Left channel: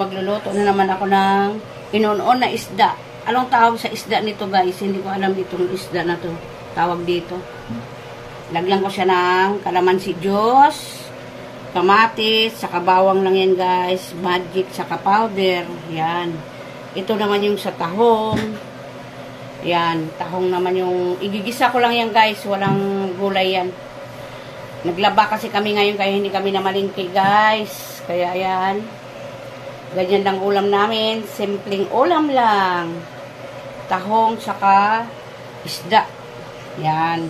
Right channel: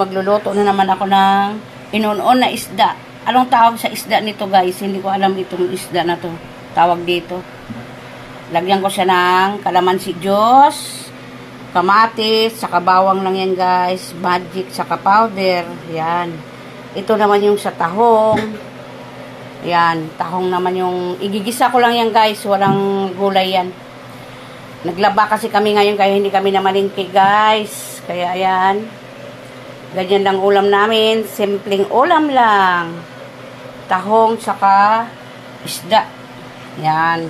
magluluto na naman ako ng inuun na isda. Anong tawag sa isda nito guys? Hindi ko alam itong isda na to. Tawag dito. Lagyan ko siya ng kalamansi juice, kamatis, saka bawang lang yan guys. Magic, saka powder. Yan. Ito naman yung sa tahong. Yan. Tahong naman yung igigisa ko lang yan guys. Walang gulay yan. Naglaba kasi kami ngayon kaya hindi kami namalingki guys. Kaya ayan. Ganyan lang ulam namin. Simpleng ulam lang. Tahong saka isda. Yan.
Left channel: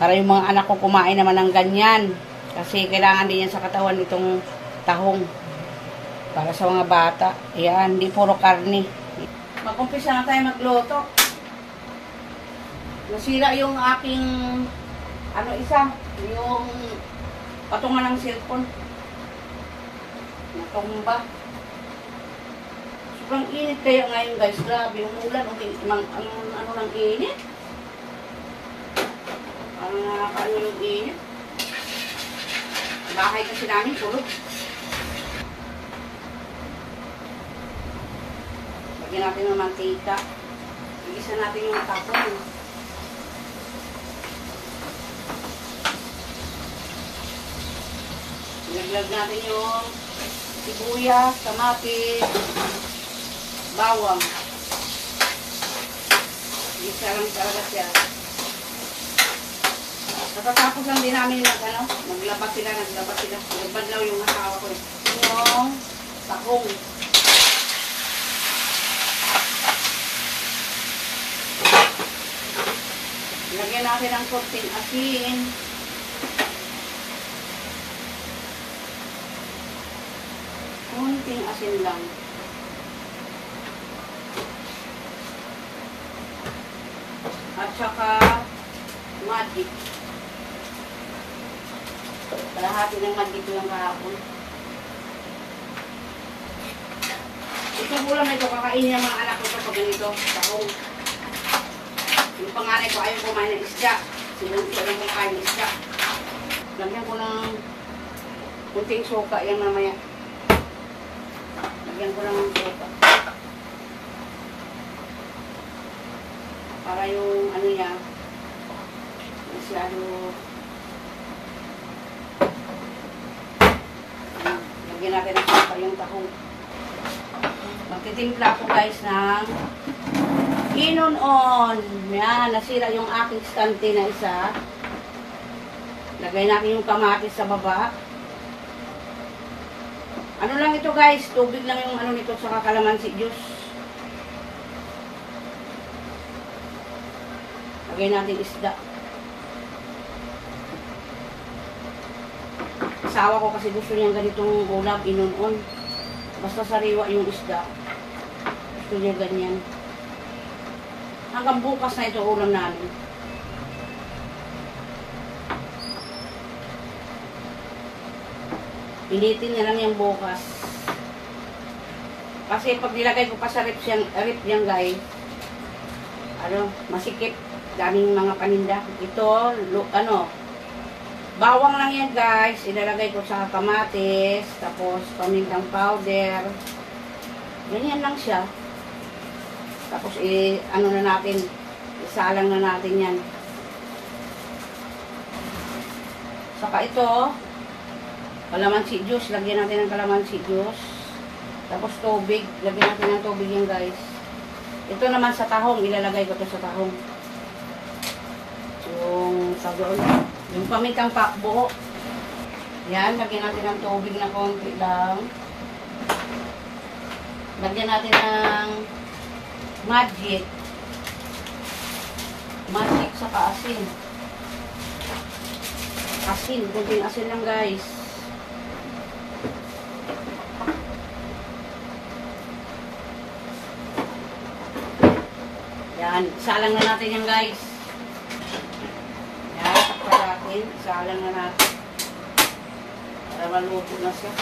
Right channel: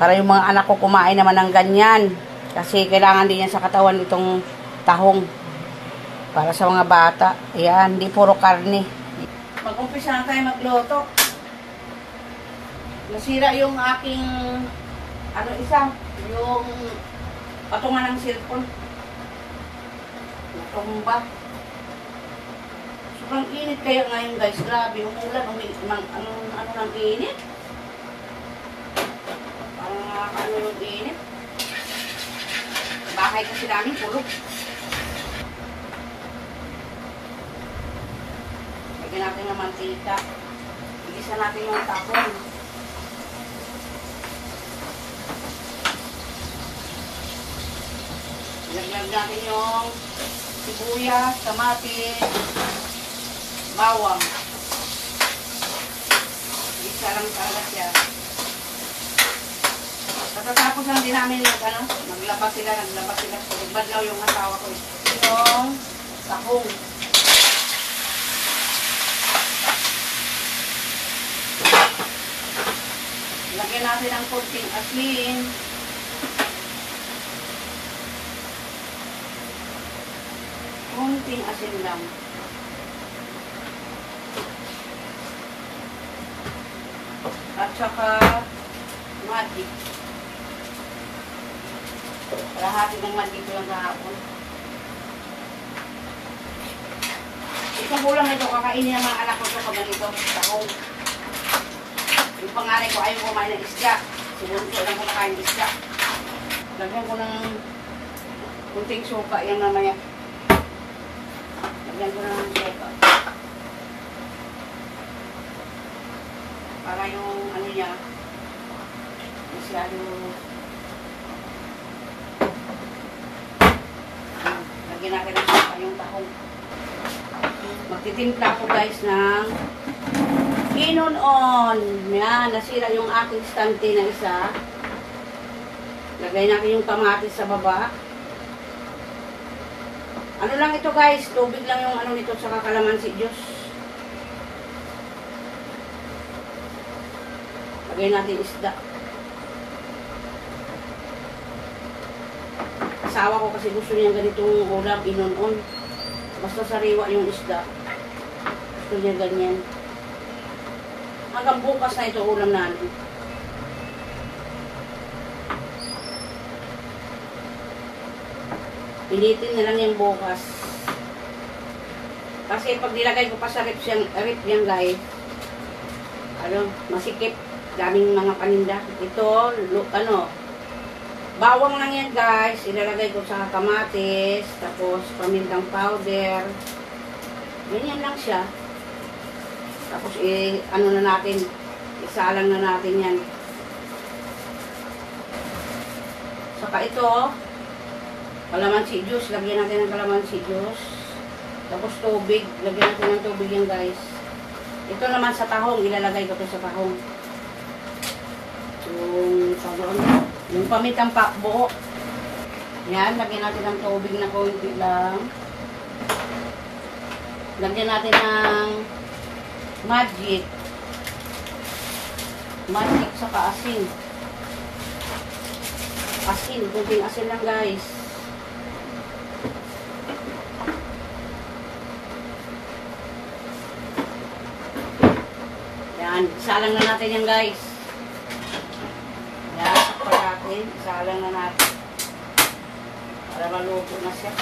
Para yung mga anak ko kumain naman ng ganyan. Kasi kailangan din yan sa katawan itong tahong. Para sa mga bata. Ayan. Hindi puro karne. Mag-umpisa na tayo magluto. Nasira yung aking yung patungan ng cellphone. Natumba. Sobrang init kaya ngayon guys. Grabe, umulan. Ano ng init? Parang nakakaano ng init. Bakit kasi namin tulog. Lagyan natin ng mantika. Igisa natin yung tapon. Lagyan natin yung sibuyas, kamatis, bawang. Isa lang talaga siya. Pagkatapos lang din namin maglaba sila. Nagbad na yung asawa ko. Yung tahong. Lagyan natin ng konting asin. Kunting asin lang. At saka magic. Kalahati ng magic lang kahapon. Itong ulam na ito, kakainin ng mga anak ko ito pag ganito. Tahong. Yung panganay ko ayaw kumain ng isda. Sinunod lang kung kain ng isda. Lagyan ko ng kunting suka yan mamaya. Lagyan ko lang ng suka. Para yung ano niya, masyado. Lagyan natin ng suka yung tahong. Magtitimpla ako guys ng inuun. Yan, nasira yung aking stante na isa. Lagay natin yung kamatis sa baba. Ano lang ito guys, tubig lang yung ano nito sa kalamansi juice. Lagay natin isda. Asawa ko kasi gusto niya ganitong ulam, inuun. Basta sariwa yung isda. Gusto niya ganyan. Hanggang bukas na ito ulam namin. Initin niya lang yung bukas. Kasi pag nilagay ko pa sa rip yan guys, masikip. Daming mga paninda. Ito, bawang lang yan guys. Ilalagay ko sa kamatis, tapos pamintang powder. Ganyan lang siya. Tapos na natin, isalang na natin yan. Saka ito, kalamansi juice. Lagyan natin ng kalamansi juice. Tapos tubig. Lagyan natin ng tubig yan guys. Ito naman sa tahong. Ilalagay ko ito sa tahong. Yung pamitang pakbo. Yan, lagyan natin ng tubig na konti lang. Lagyan natin ng magic. Magic saka asin. Asin, kunting asin lang guys. Yan, isalang na natin yan guys. Yan, sakto natin. Isalang na natin. Para maluto na siya.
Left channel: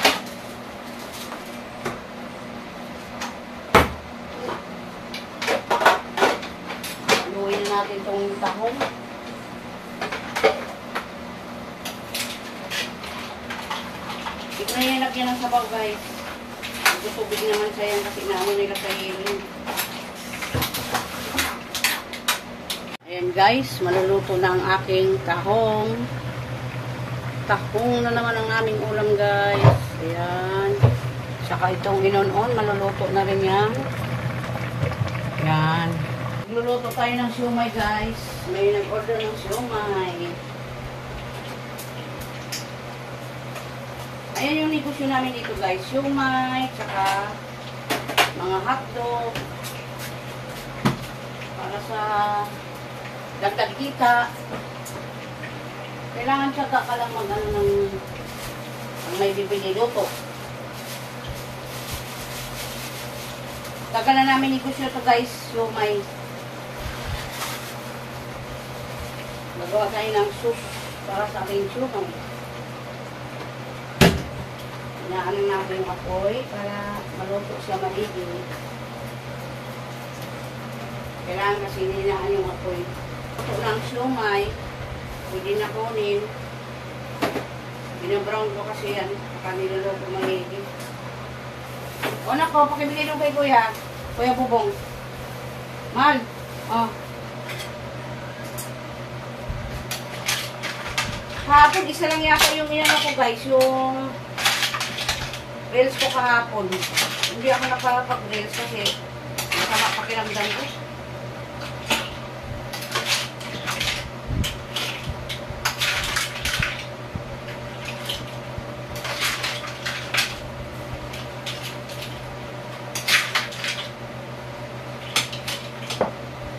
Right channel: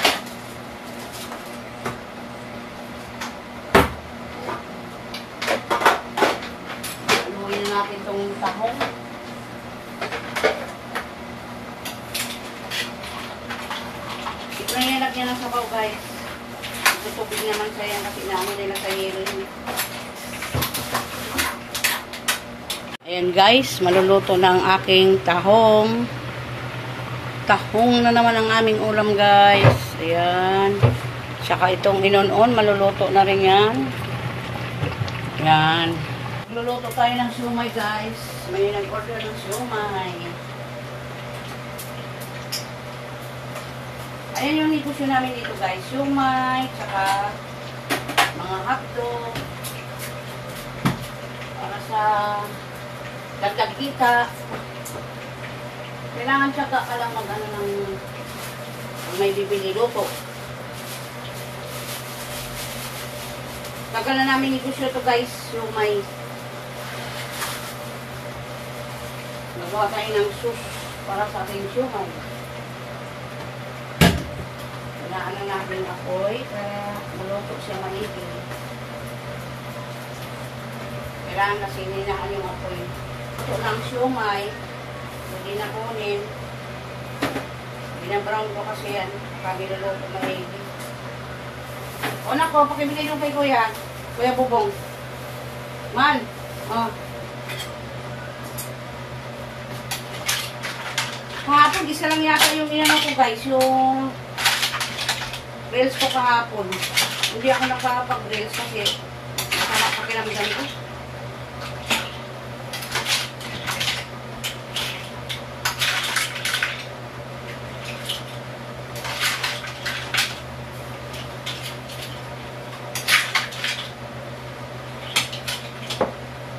Haluin na natin itong tahong. Ito na yung lagyan ng sabaw guys. tubig naman sa yan kasi naano nila sa yelo yun. Ayan guys, maluluto na ang aking tahong. Tahong na naman ang aming ulam guys. Ayan. Saka itong inon-on, maluluto na rin yan. Ayan. Magluluto tayo ng siumay guys. May nag-order ng siumay. Ayan yung negosyo namin dito guys. Siumay, saka mga hotdog. Para sa dagdag kita. Kailangan siya ka lang mag-ano ng may bibili luto. Pagka na namin negosyo to guys, siumay. Magawa tayo ng sus para sa aking siumay. Inaano natin yung apoy para maluto siya maigi. Kailangan kasi ninaan yung apoy. Ito ng siumay, pwede na kunin. Binabrown ko kasi yan. Kami luluto maigi. O nako, pakibili nung kay Kuya. Kuya Bubong. Mal. Oh. Hapon, isa lang yata yung inano ko guys. Yung reels ko kahapon. Hindi ako nakapag-reels kasi pakiramdam ko.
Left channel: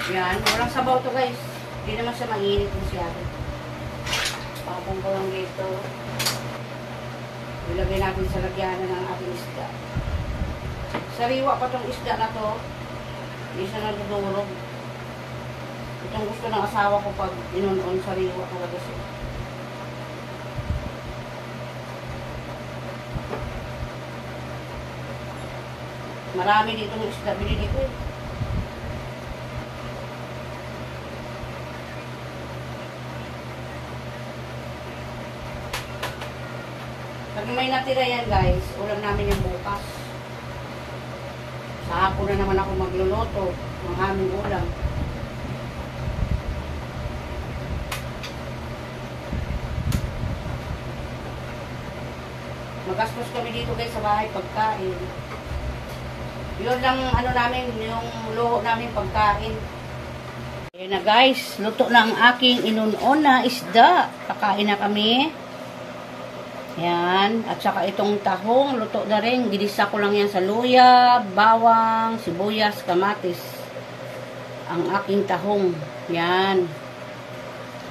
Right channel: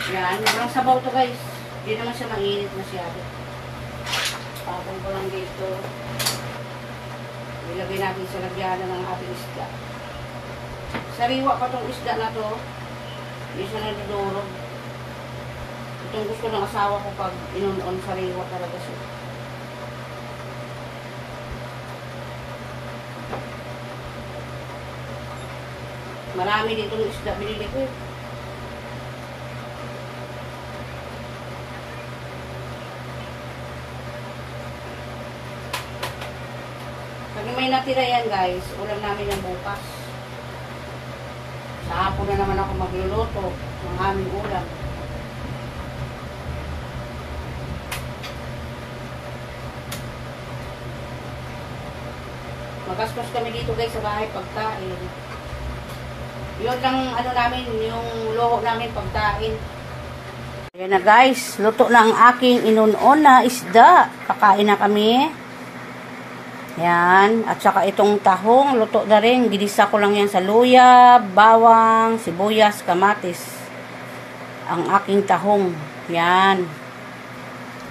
Yan, walang sabaw to guys. Hindi naman siya mainit masyado. Pakapon ko lang dito. Ilagay natin sa lagyanan ng ating isda. Sariwa pa tong isda na to. Hindi siya nadudurog. Itong gusto ng asawa ko pag inon-on sariwa talaga siya. Marami ditong isda binili ko eh. Pag may natira yan guys, ulam namin yung bukas. Sa hapon na naman ako magluluto ng aming ulam. Magastos kami dito guys sa bahay pagkain. Yun lang ano namin, yung luho namin pagkain. Ayan na guys, luto na ang aking inunon na isda. Kakain na kami. Yan. At saka itong tahong, luto na rin. Ginisa ko lang yan sa luya, bawang, sibuyas, kamatis. Ang aking tahong. Yan.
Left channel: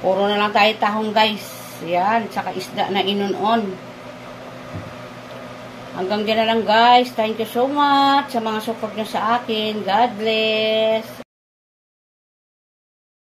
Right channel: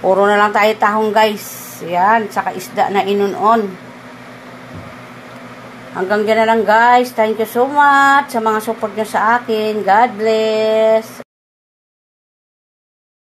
Puro na lang tayo tahong guys. Yan. Saka isda na inunon. Hanggang dyan na lang guys. Thank you so much sa mga support nyo sa akin. God bless.